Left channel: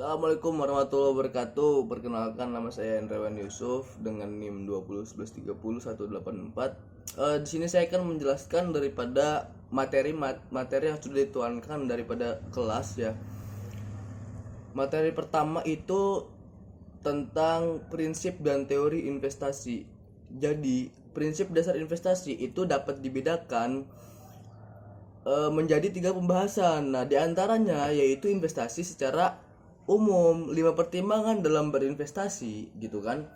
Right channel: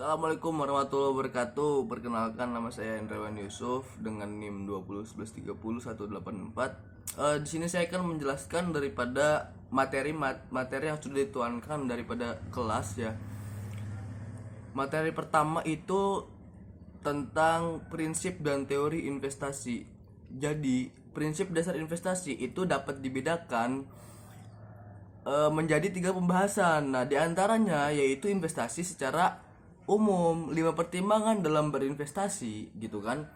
Assalamualaikum warahmatullahi wabarakatuh. Perkenalkan, nama saya Endrawan Yusuf dengan NIM 201130 184. Di sini saya akan menjelaskan daripada materi yang sudah dituangkan daripada kelas ya. Materi pertama itu tentang prinsip dan teori investasi. Jadi, prinsip dasar investasi itu dapat dibedakan menjadi 3 pembahasan. Nah, diantaranya yaitu investasi secara umum, 5 pertimbangan dalam berinvestasi gitu kan.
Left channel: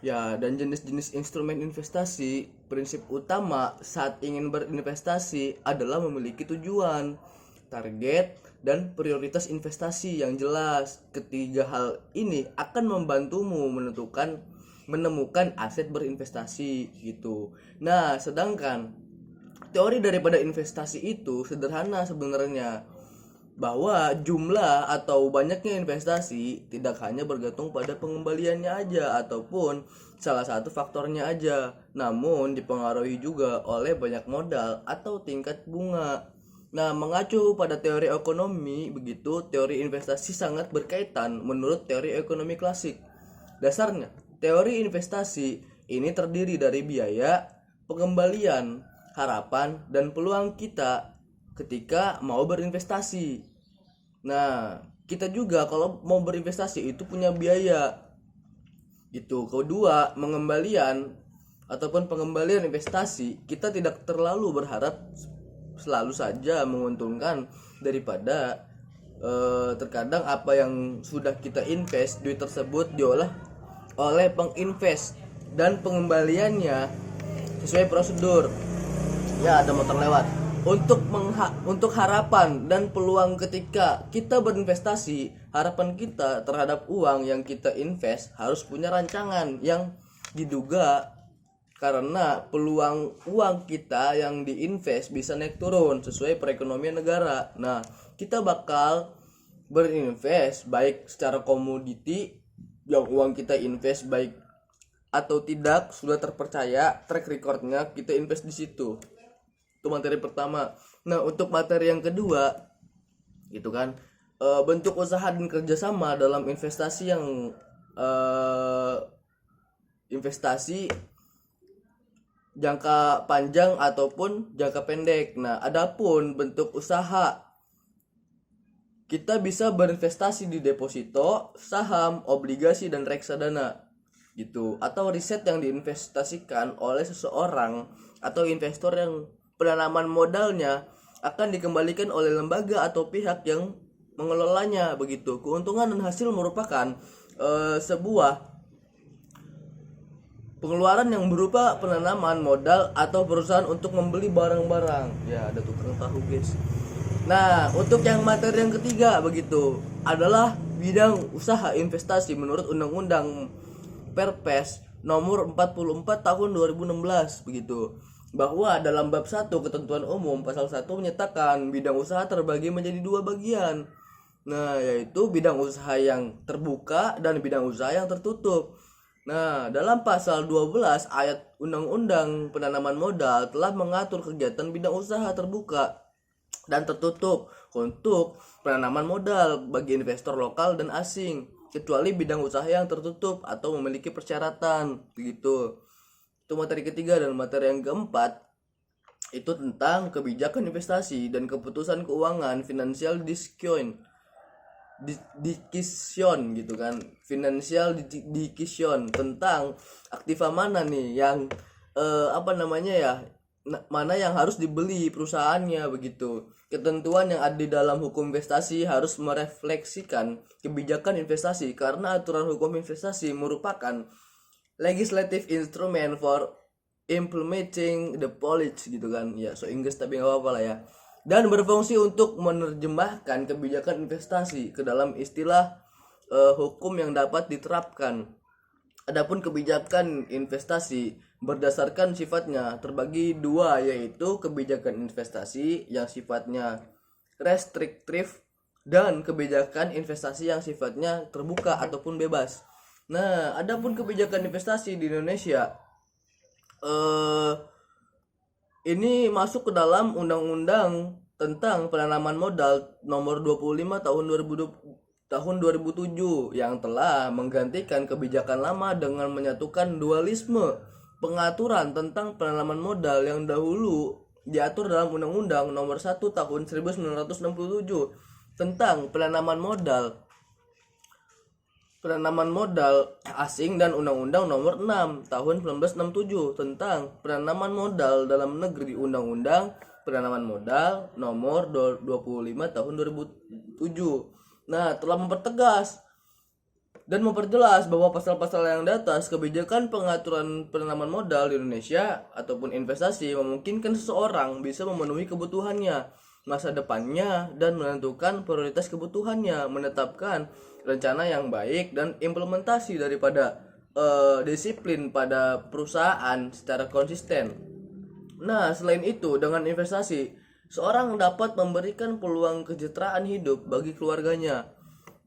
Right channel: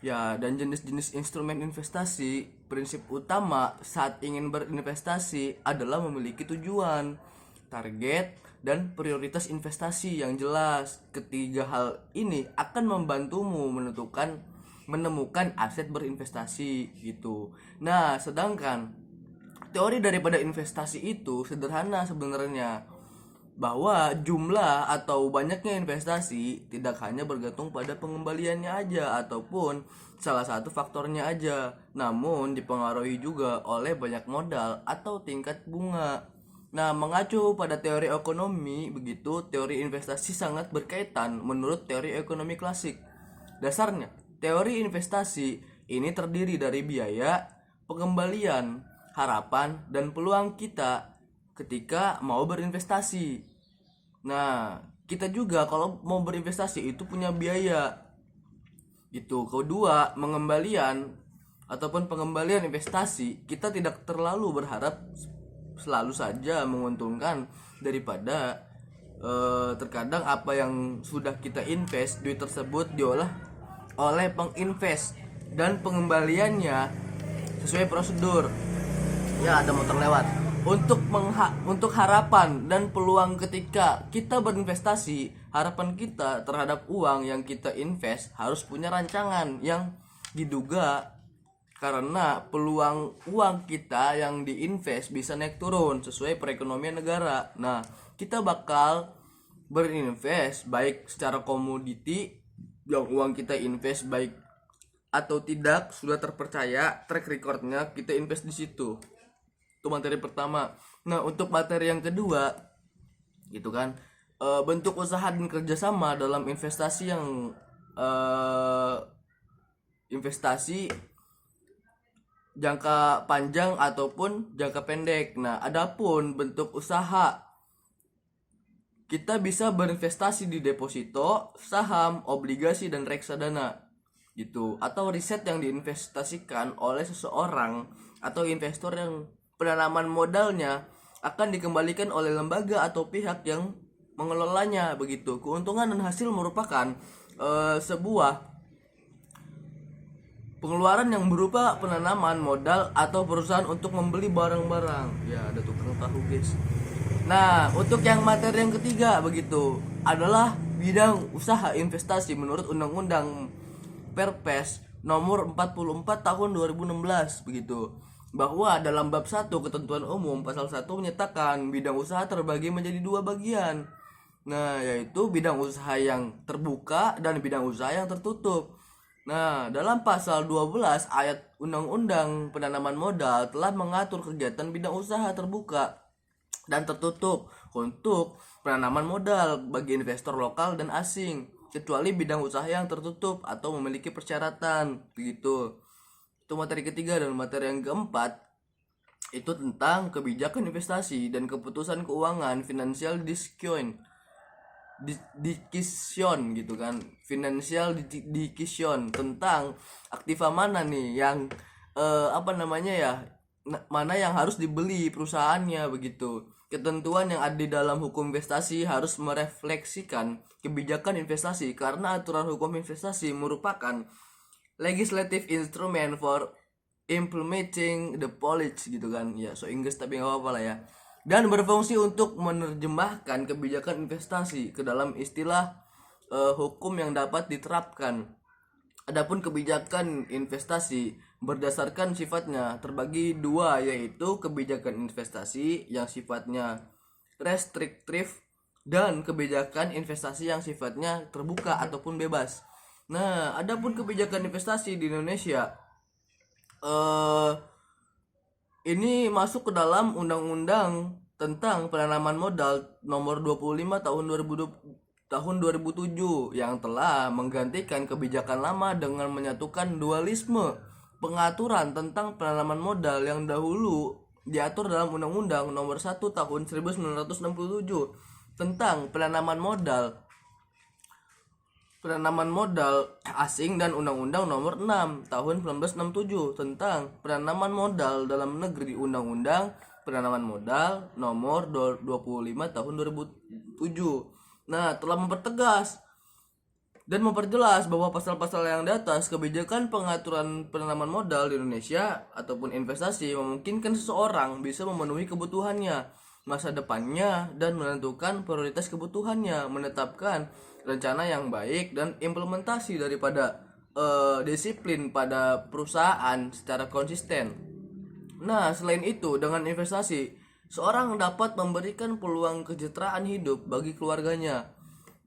Ya, dan jenis-jenis instrumen investasi. Prinsip utama saat ingin berinvestasi adalah memiliki tujuan, target, dan prioritas investasi yang jelas. Ketiga hal ini akan membantumu menemukan aset berinvestasi gitu. Nah, sedangkan teori daripada investasi itu sederhana sebenarnya, bahwa jumlah atau banyaknya investasi tidak hanya bergantung pada pengembaliannya aja ataupun salah satu faktornya aja, namun dipengaruhi juga oleh banyak modal atau tingkat bunga. Nah, mengacu pada teori ekonomi begitu, teori investasi sangat berkaitan menurut teori ekonomi klasik. Dasarnya, teori investasi ini terdiri dari biaya, pengembalian, harapan, dan peluang kita ketika mau berinvestasi. Nah, kita juga kalau mau berinvestasi itu punya biaya. Itu kedua, pengembalian investasi, kita tidak terlalu berharap selalu saja menguntungkan daripada terkadang apa yang sudah kita invest, duit tersebut diolah oleh penginvest dan pengembaliannya sesuai prosedur. Ya, ada motor lewat. Untuk harapan dan peluang ketika kita berinvestasi, harapan kita terhadap uang yang kita invest harus punya rancangan yang diduga, karena peluang uang kita yang diinvest bisa naik turun sesuai perekonomian negara. Nah, kita bakal berinvest baik secara komoditi, yang uang kita invest baik atau tidak sudah terpercaya, track recordnya kita invest di situ. Itu materi pertama. Nah, untuk materi yang kedua gitu kan, bentuk usaha dan kerjasama dalam investasi yang investasi jangka panjang ataupun jangka pendek. Nah, adapun bentuk usaha, kita bisa berinvestasi di deposito, saham, obligasi, dan reksadana gitu, atau riset yang diinvestasikan oleh seseorang atau investor yang penanaman modalnya akan dikembalikan oleh lembaga atau pihak yang mengelolanya begitu. Keuntungan dan hasil merupakan sebuah pengeluaran yang berupa penanaman modal atau perusahaan untuk membeli barang-barang. Ya, ada tukang tahu guys. Nah, untuk yang materi yang ketiga begitu adalah bidang usaha investasi menurut Undang-Undang Perpres nomor 44 tahun 2016 begitu, bahwa dalam bab 1 ketentuan umum pasal 1 menyatakan bidang usaha terbagi menjadi 2 bagian. Nah, yaitu bidang usaha yang terbuka dan bidang usaha yang tertutup. Nah, dalam pasal 12 ayat Undang-Undang Penanaman Modal telah mengatur kegiatan bidang usaha terbuka dan tertutup untuk penanaman modal bagi investor lokal dan asing, kecuali bidang usaha yang tertutup atau memiliki persyaratan begitu. Itu materi ketiga. Dan materi yang keempat itu tentang kebijakan investasi dan keputusan keuangan, financial decision gitu kan, financial decision, tentang aktiva mana nih yang mana yang harus dibeli perusahaannya begitu. Ketentuan yang ada di dalam hukum investasi harus merefleksikan kebijakan investasi, karena aturan hukum investasi merupakan legislative instrument for implementing the policy gitu kan. Ya, so Inggris tapi nggak apa-apa lah ya. Dan berfungsi untuk menerjemahkan kebijakan investasi ke dalam istilah hukum yang dapat diterapkan. Adapun kebijakan investasi berdasarkan sifatnya terbagi dua, yaitu kebijakan investasi yang sifatnya restriktif dan kebijakan investasi yang sifatnya terbuka ataupun bebas. Nah, adapun kebijakan investasi di Indonesia ini masuk ke dalam Undang-Undang tentang Penanaman Modal nomor 25 tahun tahun 2007 yang telah menggantikan kebijakan lama dengan menyatukan dualisme pengaturan tentang penanaman modal yang dahulu diatur dalam Undang-Undang Nomor 1 Tahun 1967 tentang penanaman modal asing dan Undang-Undang Nomor 6 Tahun 1967 tentang penanaman modal dalam negeri, Undang-Undang Penanaman Modal Nomor 25 Tahun 2007. Nah, telah mempertegas dan memperjelas bahwa pasal-pasal yang di atas kebijakan pengaturan penanaman modal di Indonesia ataupun investasi memungkinkan seseorang bisa memenuhi kebutuhannya, masa depannya, dan menentukan prioritas kebutuhannya, menetapkan rencana yang baik dan implementasi daripada disiplin pada perusahaan secara konsisten. Nah, selain itu, dengan investasi, seorang dapat memberikan peluang kesejahteraan hidup bagi keluarganya.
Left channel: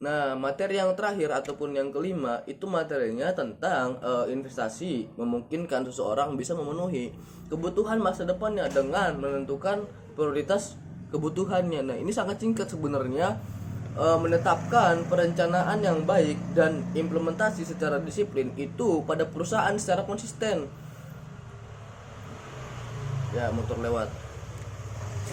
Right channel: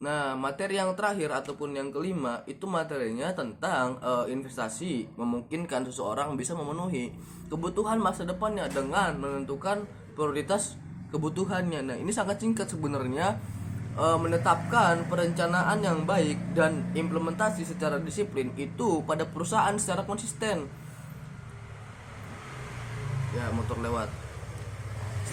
Nah, materi yang terakhir ataupun yang kelima itu materinya tentang investasi memungkinkan seseorang bisa memenuhi kebutuhan masa depannya dengan menentukan prioritas kebutuhannya. Nah, ini sangat singkat sebenarnya, menetapkan perencanaan yang baik dan implementasi secara disiplin itu pada perusahaan secara konsisten. Ya, motor lewat.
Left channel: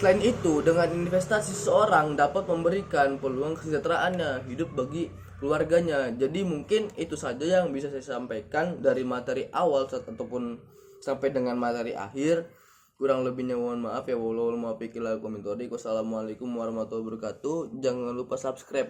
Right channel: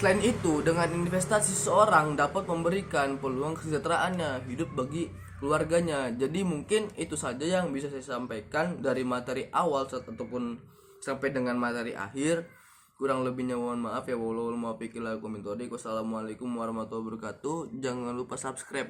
Selain itu, dengan investasi seseorang dapat memberikan peluang kesejahteraannya hidup bagi keluarganya. Jadi mungkin itu saja yang bisa saya sampaikan dari materi awal ataupun sampai dengan materi akhir. Kurang lebihnya mohon maaf ya. Wassalamualaikum warahmatullahi wabarakatuh. Jangan lupa subscribe.